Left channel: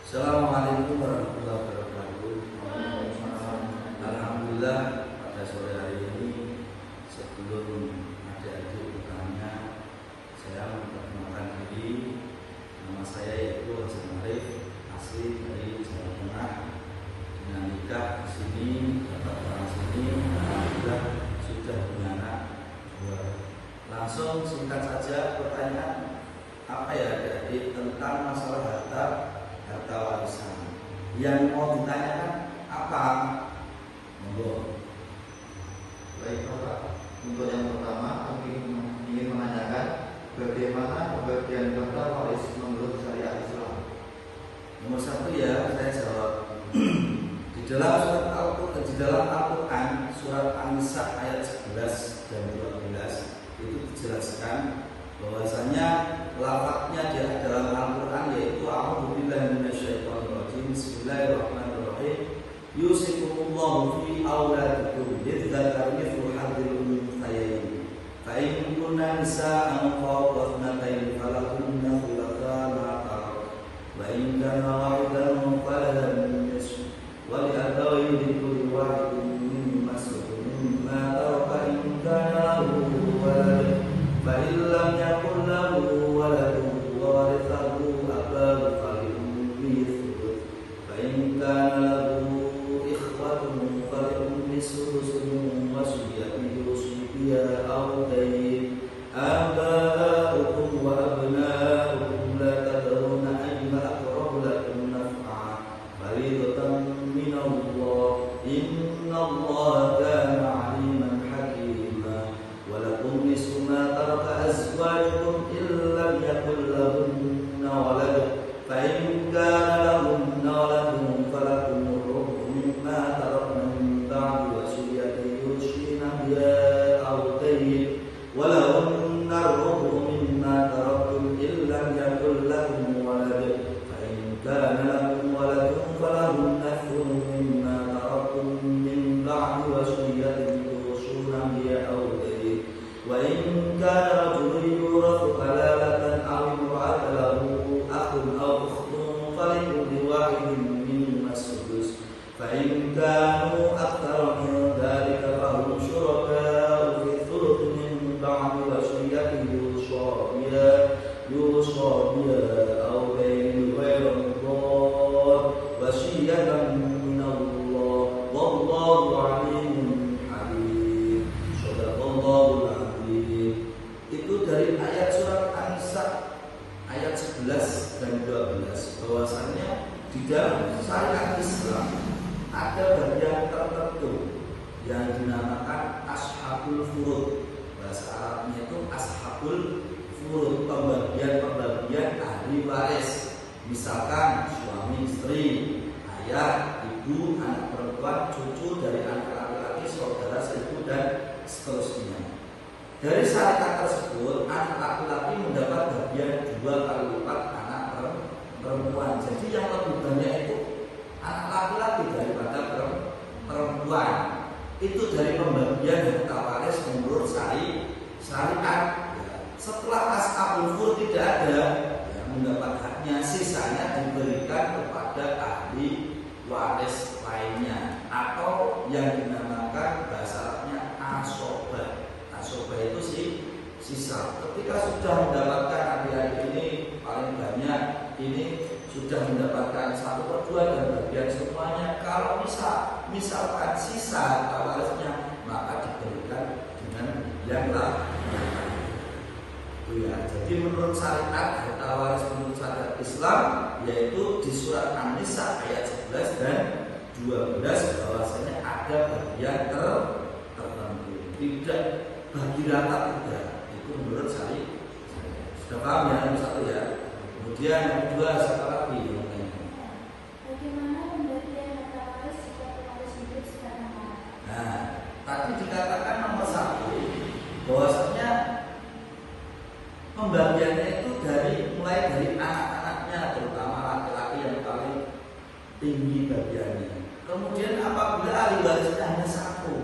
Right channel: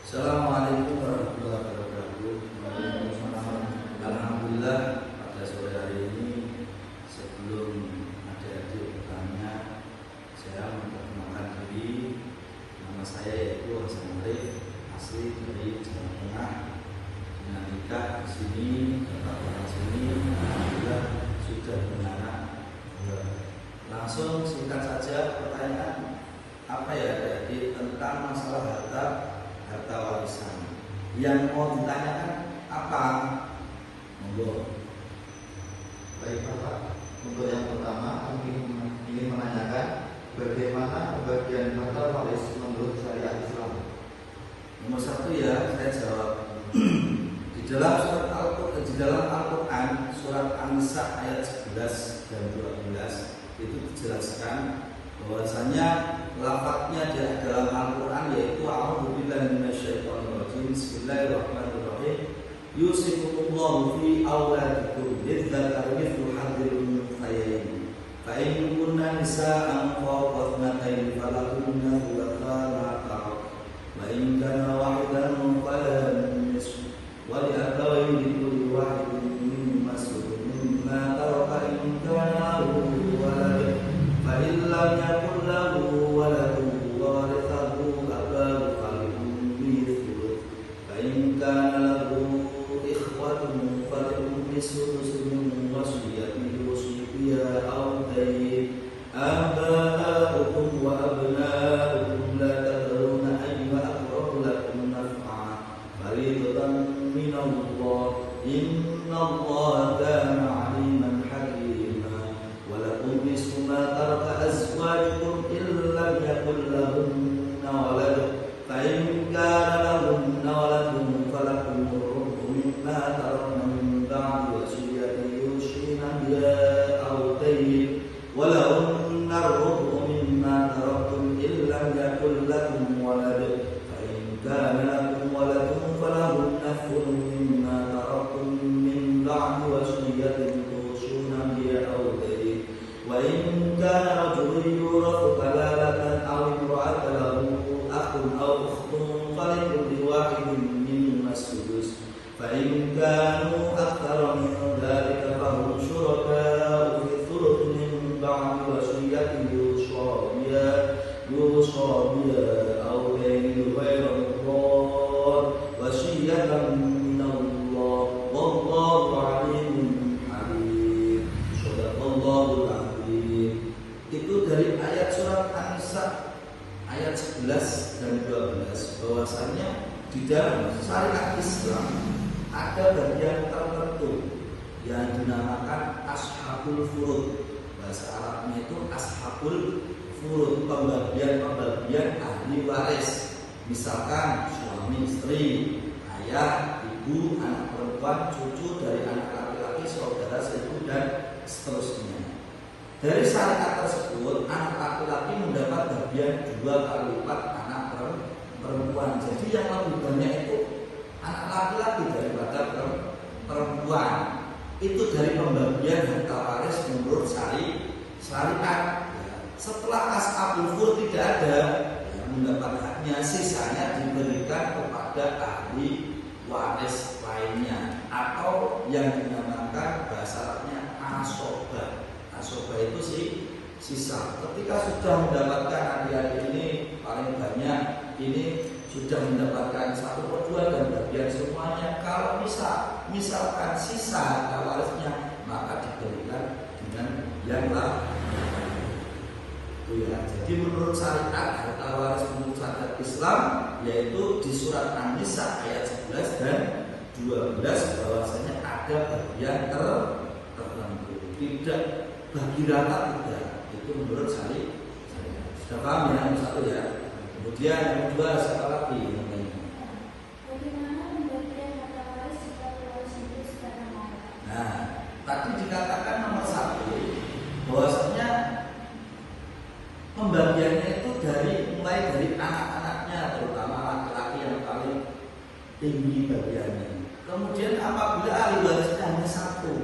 Assalamualaikum warahmatullahi wabarakatuh. Alhamdulillah pada sore hari ini sebelum adik-adik bertanya, saya memperkenalkan diri. Nama saya yaitu Hasan Arif, asli dari Jawa Tengah. Dengan nikah di sini, dapat orang sini, alhamdulillah sudah punya anak. Langsung singkat saja pertanyaan apa ya adik-adik tentang masalah harta warisan. Yang mau ditanyakan apa? Monggo. Baik Bapak, untuk yang pertama ingin menanyakan bagaimana pembagian harta waris menurut syariat Islam. Nomor satu ya, saya jawab. Di dalam Al-Quran surat An-Nisa ayat 11 dan 12 itu dijelaskan bahwasanya lafadznya di dalam Al-Quran yaitu a'udzubillahi minasyaitonirrajim, bismillahirrahmanirrahim, yusikumullahu fi auladikum lidzakari mithlu hadzil unthayayn fa in kunna nisa'an fawqa ithnatayn falahunna thulutha ma tarak wa in kana wahidan falaha nisfu wa li abawayn likulli wahidin mimma mimma taraka in kana lahu walad fa in lam yakul lahu waladun wa warithahu abawahu falummihi thuluth fa in kana lahu ikhwatun falummihi thuluth min wasiyatihi wasiya aw dayn aba'ukum wa abna'ukum la tadruna ayyuhum aqrabu lakum naf'a fariidatan min Allah innallaha kana 'aliman hakima wa lakum nisfu ma taraka azwajukum illa yakul lahunna walad fa in kana lahunna waladun falakum rubu mimma tarakna min ba'di wasiyatin yusina biha aw dayn wa lahunna rubu mimma taraktum illa yakul lakum walad fa in kana lakum waladun falahunna thuluthu mimma taraktum min ba'di wasiyatin yusina biha aw dayn wa in kana rajulun yurathu kalalatan aw imra'atun lahu akhun aw ukhtun falikulli wahidin minhuma as-sudus fa in kanu aktsara min dhalika fahum syuraka'u fi thuluthi min ba'di wasiyatin yusa biha aw dayn ghayra mudar wasiyatan min Allah wallahu 'alimun halim. Shadaqallahul 'azim. Itu dari ayat surat An-Nisa ayat 11 dan 12 bahwasanya di dalam syariat Islam ada bagian tertentu yang dinamakan ashabul furud. Bahasa Arabnya itu ashabul furud, pembagian ahli waris. Misalkan suami istri, ayah, ibu, anak perempuan, cucu dari anak laki-laki, saudara sepupu dan seterusnya. Dari syariat tersebut, anak laki-laki mendapat bagian 2 kali lipat anak perempuan. Jadi yang lebih banyak itu anak laki-laki daripada perempuan. Itu dari pembagian harta waris menurut syariat. Setelah ashabul furud tidak ada yang mendapat haknya, sisanya diberikan kepada ahli waris lainnya atau yang dinamakan bahasa Arabnya asobah. Asobah itu sisa. Ketika sudah mendapatkan adik-adik ini paling banyak, ini sudah mendapatkan 1/2 dan bagian semuanya. Kalau misalkan sisa harta warisnya, maka diberikan dengan yang lain. Ya, jadi menurut syariat harta waris menurut syariat Islam yaitu di surat An-Nisa ayat 11 dan 12 bahwasanya ada bagian tertentu, tidak bagi rata tidak. Itu menurut syariat. Sudah paham ya yang satu ya. Kemudian yang kedua siapa lagi? Bagaimana pembagian harta waris jika keluarga sendiri sudah meninggal? Nah, tadi dikatakan nomor 1 bahwasanya pembagiannya itu mulai dari anak-anaknya, terutama laki-laki yang paling tinggi bagiannya. Kemudian apabila ahli warisnya hanya 1,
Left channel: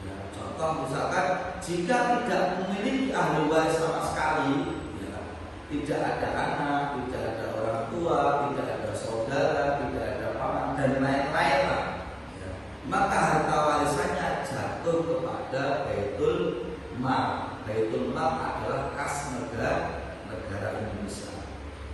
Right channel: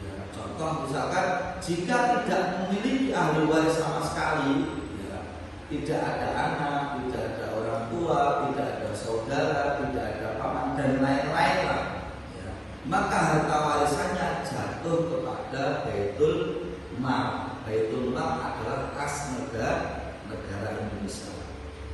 ya, contoh misalkan jika tidak memiliki ahli waris sama sekali, ya, tidak ada anak, tidak ada orang tua, tidak ada saudara dan lain-lain lah, ya, maka harta warisannya jatuh kepada Baitul Mal. Baitul Mal adalah kas negara Indonesia.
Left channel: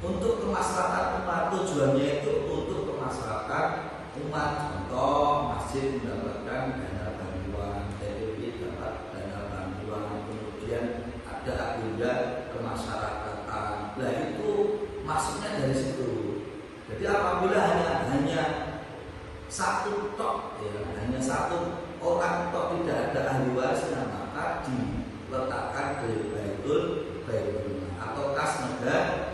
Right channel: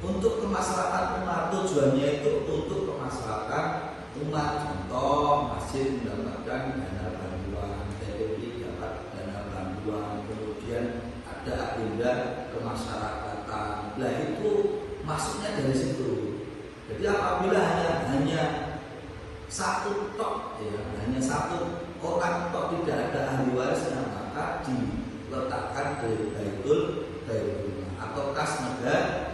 Untuk kemaslahatan umat, tujuannya itu untuk kemaslahatan umat. Contoh, masjid mendapatkan dana bantuan, TPP dapat dana bantuan, kemudian ada agenda kemasyarakatan. Nah itu maksudnya dari situ. Jadi apabila hanya satu tok, ya, hanya satu orang tok tidak ada ahli warisnya, maka diletakkan di Baitul Mal atau kas negara.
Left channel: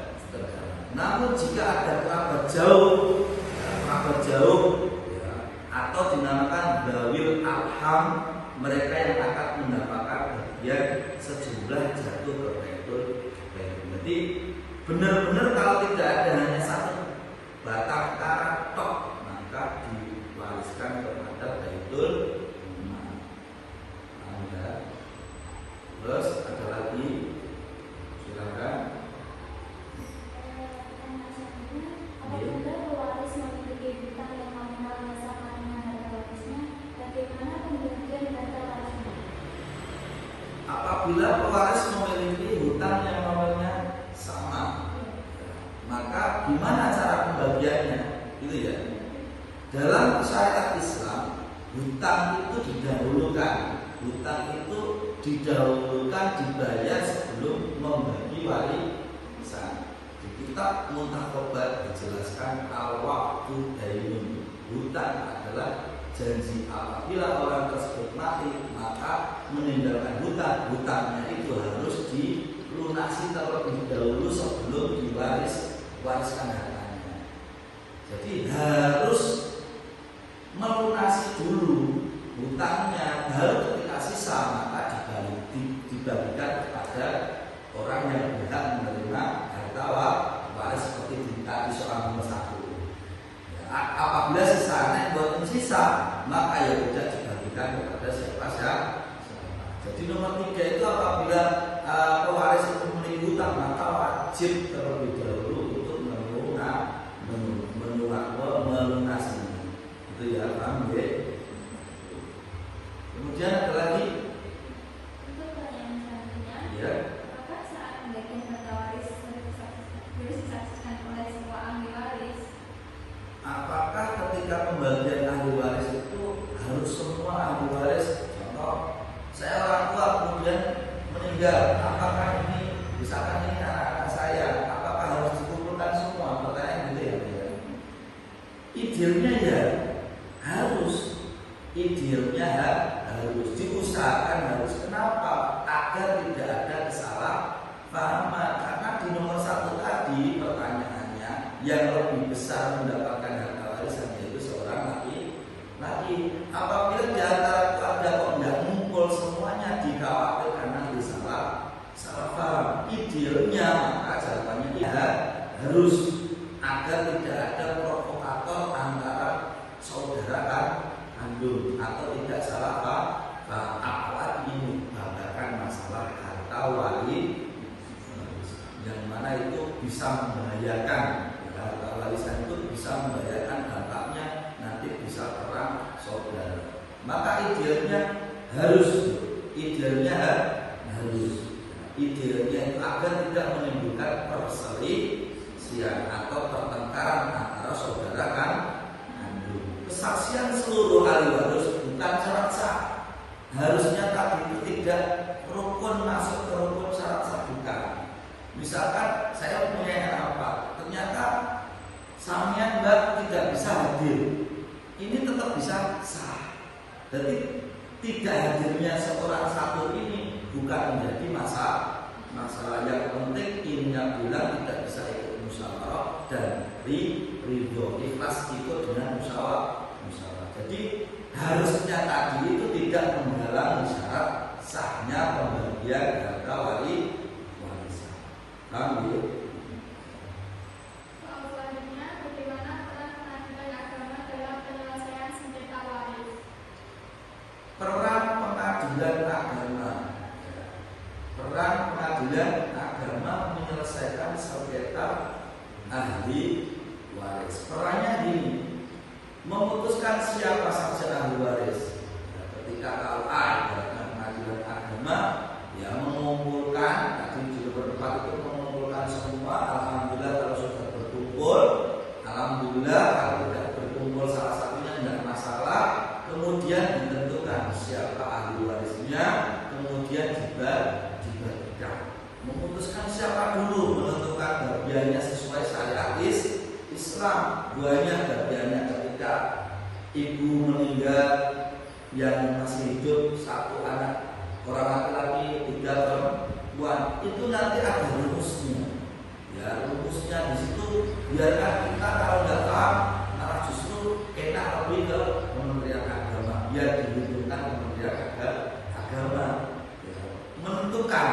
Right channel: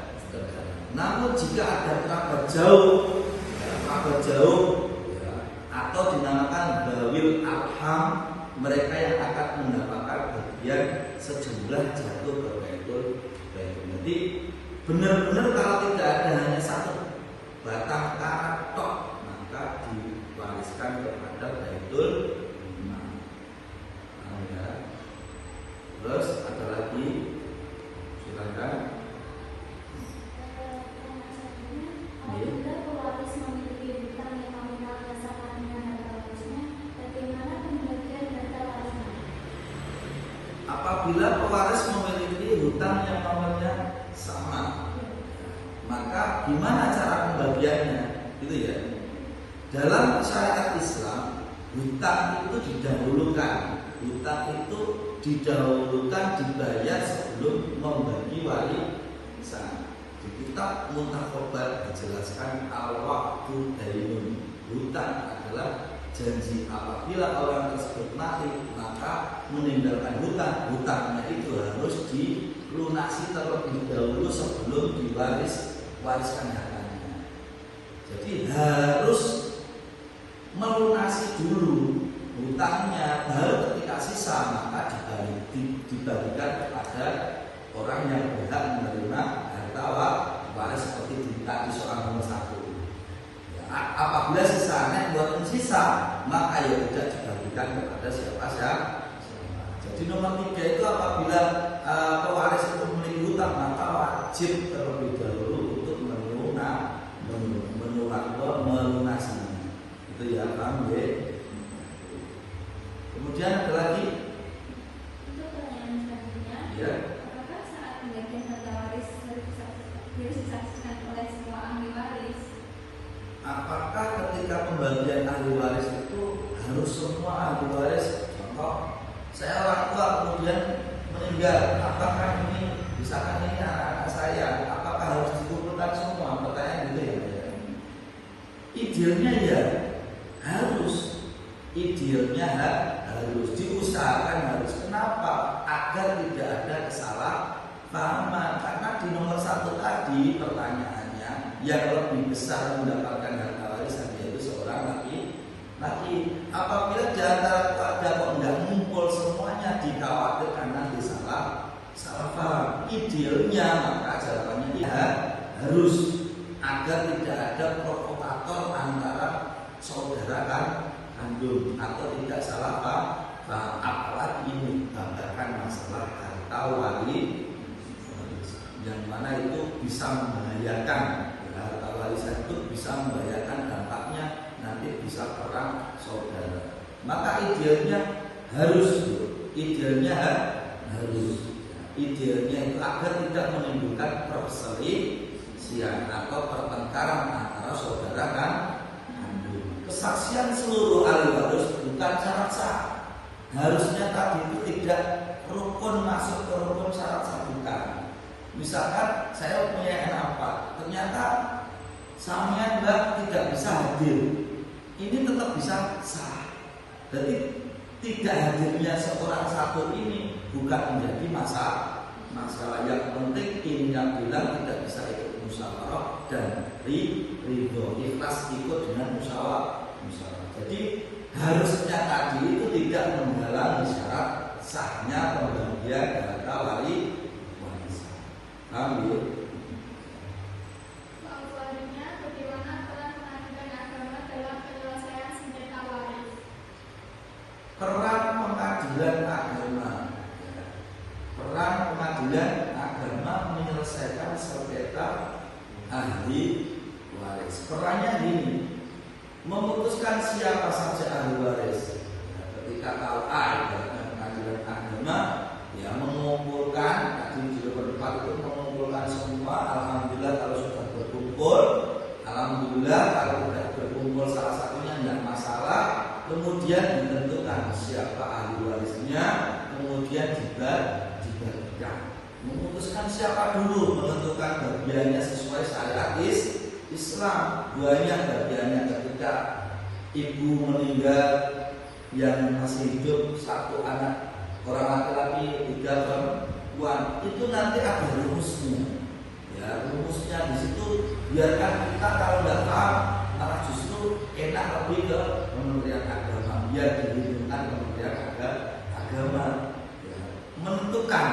Namun jika ada kerabat jauh, ya, atau dinamakan Dawil Arham, mereka yang akan mendapatkan bagian sejumlah jatuh ke Baitul Mal. Jadi benar-benar kalau tidak ada hanya satu batang karat tok, maka diwariskan kepada Baitul Mal. Ya. Terus ada lagi, silakan. Apabila pewaris memiliki hutang yang nominal dan sangat harta warisnya, bagaimana pembagian harta warisnya? Apabila pewaris memiliki hutang yang namanya sama, maka gimana cara pembagiannya? Gitu ya. Dalam syariat Islam, hutang itu didahulukan. Hutang itu didahulukan dibayar sebelum membagi warisan. Di kitab Muntaqobat dijelaskan al-waqtu dainun. Hutang adalah janji. Apabila orang tersebut mati, maka meninggalkan hutang. Hutangnya itu harus dilunasi terlebih dahulu sebelum diwariskan hartanya. Jadi harus melunasi dulu hutangnya, baru ketika sisa maka dibagikan kepada orang yang berhak menerima harta waris seperti di soal nomor 1. Ya, apabila sisanya buat sisa, maka ya tidak dibagikan kepada siapa. Jadi nomor 3 itu apabila pewaris itu memiliki hutang, maka wajib terlebih dahulu untuk melunasinya. Itu ya, paham ya? Kemudian ada lagi. Untuk pertanyaan selanjutnya, Ya. apakah saat pembagian harta waris boleh disaksikan oleh semua ahli waris? Apakah ketika pembagian ahli waris itu harus semua ahli waris? Contoh, saya orang tua kemudian meninggal, apakah ini misalkan ini anak saya, apakah harus dikumpulkan semua? Pertanyaan gitu ya. Idealnya ya harus. Idealnya harus diusahakan harus. Kenapa? Agar tidak ada kesalahpahaman. Karena di nomor 1 tadi pertanyaannya yang lebih besar mendapatkan harta warisan yaitu seorang laki. Apabila di antara keluarga kok tidak ngumpul semuanya, dikhawatirkan nanti salah paham. Idealnya maka jawabannya ya harus, agar tidak ada provokator antara saudara kandung atau tidak salah paham. Apalagi ini membatalkan masalah harta waris yang mana itu bisa membahayakan. Harta warisan itu bisa membahayakan, dampaknya nanti bisa perang saudara. Maka idealnya harus. Idealnya itu agar tidak menimbulkan perselisihan atau pertengkaran antara saudara kan. Kesaksian seluruh ahli waris bukan syarat sah. Harusnya tadi itu tidak rukun masuk ke rukun syarat sah, bukan. Misalkan saya punya anak 4, ternyata sampean mbak tidak bisa hadir, ini tetap bisa sah. Jadi tidak hadirnya seorang satu ini bukan menjadi masalah. Yang penting ini yang bilang tidak bisa ikut musyawarah dan ridho ikhlas ikut dengan musyawarah. Jadi harusnya tadi itu tidak menghalangi syarat sahnya pembagian harta warisan. Paham ya? Selanjutnya, bagaimana peran pengadilan agama dalam penyelesaian sengketa waris? Peran pengadilan agama menyelesaikan sengketa ahli waris. Perannya ini memutuskan siapa saja ahli waris. Ketika kalau ada pengadilan agama, ya mengumpulkan, tadi sudah berdebat itu mengumpulkan semua. Alhamdulillah kalau sudah berkumpul, alhamdulillah kalau tidak berkumpul salah satunya tidak masalah. Kemudian ditentukan siapa ahli warisnya, kemudian dibagikan. Memutuskan siapa dulu, menentukan bagiannya sesuai syariat Islam. Banyak bagiannya ketika ibu meninggal yang masih hidup satu anak, orang laki-laki 3 perempuan, itu nanti ada rumusnya. Ya, rumusnya di situ biarkan kita kalau tidak paham, malah justru enak lebih ke Kementerian Agama, biar dihitungkan Kementerian Agama ya, menentukan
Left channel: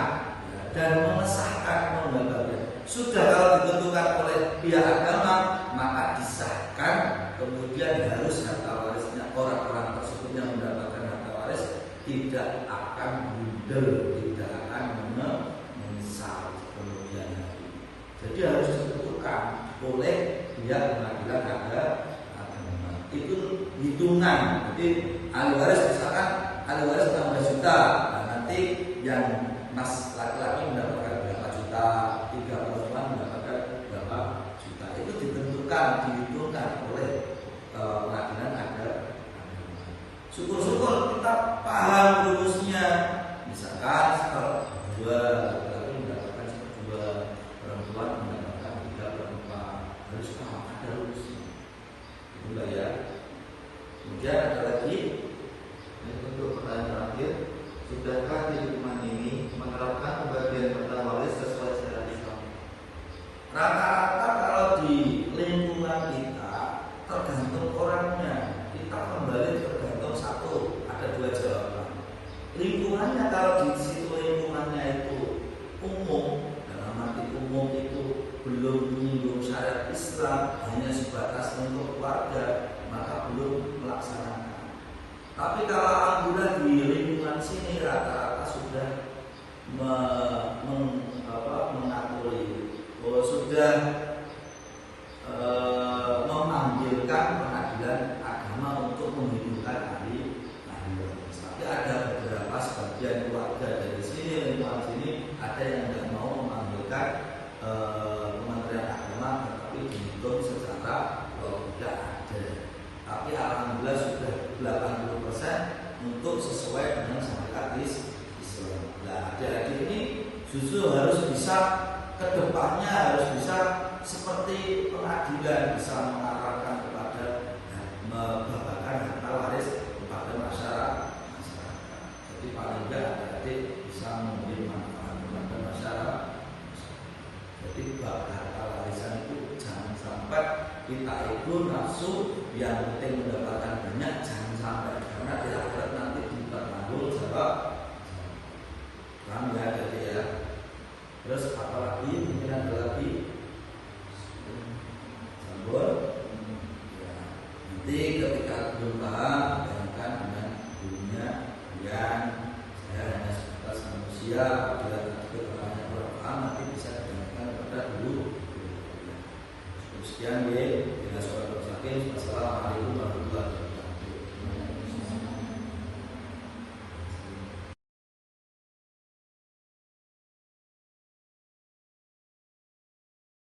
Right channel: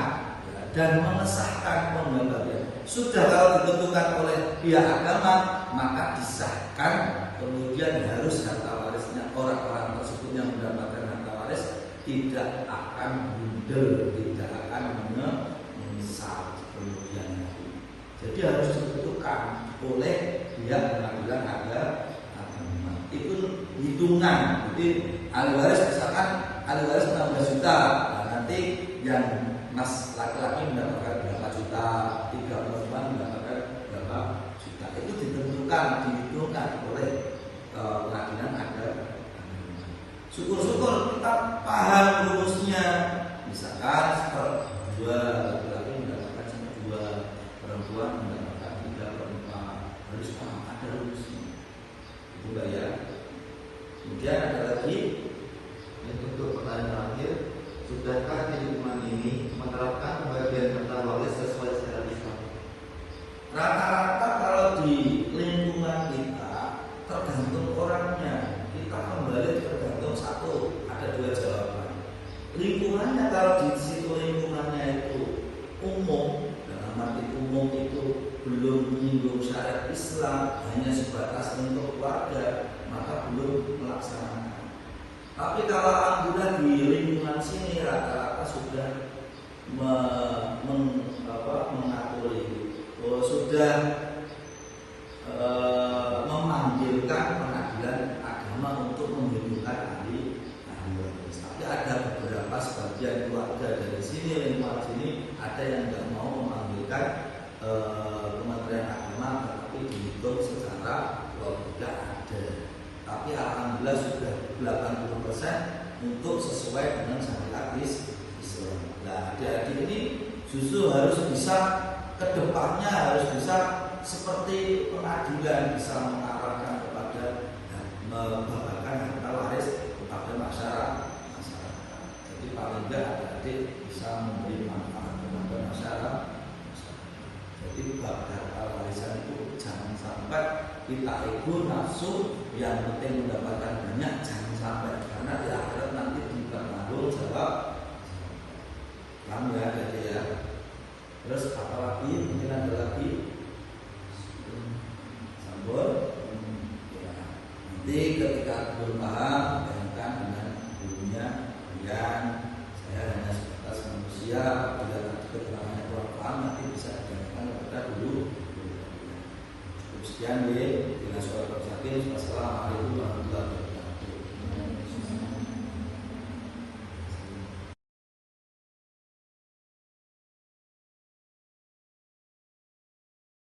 ya, dan mengesahkan pembagian. Sudah kalau ditentukan oleh pihak agama, maka disahkan, kemudian harus harta warisnya orang-orang tersebut yang mendapatkan harta waris tidak akan bundel, tidak akan menyesal kemudian hari. Jadi harus ditentukan oleh pihak pengadilan agama. Itu hitungan. Jadi ahli waris misalkan ahli waris 16 juta, nah, nanti yang mas laki-laki mendapatkan berapa juta, 3 perempuan mendapatkan berapa juta. Itu ditentukan, dihitungkan oleh pengadilan agama. Syukur-syukur kita paham rumusnya. Misalkan seper-2 laki-laki mendapatkan seper-2, perempuan mendapatkan 3 perempuan. Harus paham ada rumusnya. Itu ya. Kemudian ada lagi untuk pertanyaan terakhir, sudahkah di lingkungan ini menerapkan pembagian harta waris sesuai syariat Islam? Rata-rata kalau di lingkungan kita tergantung orangnya. Kita kembali tergantung satu, ada 2 jawaban. Lingkungannya kalau di situ lingkungannya itu umum, dalam arti umum itu belum menyinggung syariat Islam, hanya sebatas untuk keluarga, maka belum melaksanakan. Tapi kalau alhamdulillah di lingkungan sini rata-rata sudah mengatur itu, sudah memanggilkan pengadilan agama untuk menghitungkan ahli waris. Tapi ada beberapa sebagian keluarga dari sini, lingkungan sini ada yang tidak mau memanggilkan Kementerian Agama, tetapi dihitung secara tidak ada. Tapi alhamdulillah sudah 80% untuk sesuai dengan syariat Islam. Nah, adik-adik ini justru harus bisa kedepannya harus bisa seperti pengadilan, bisa mengarahkan kepada membagikan harta waris kepada masyarakat. Jadi paling tidak adik-adik bisa memberi manfaat kepada masyarakat. Jadi bab harta warisan itu jangan sampai kita ego nafsu yang penting mendapatkan banyak, jangan sampai, karena di akhirat nanti ditanggung jawab. Paham ya, jadi ya. Terus apa lagi? Mungkin ada lagi. Sambul. Ya. Nanti ketika belum paham, bayangkan dengan gurunya, yang saya hanya sebatas manusia. Bila nanti keterangannya kurang paham, nanti bisa ditanyakan kepada guru. Sekian ya. Bila soal bersakin, wassalamualaikum warahmatullahi wabarakatuh.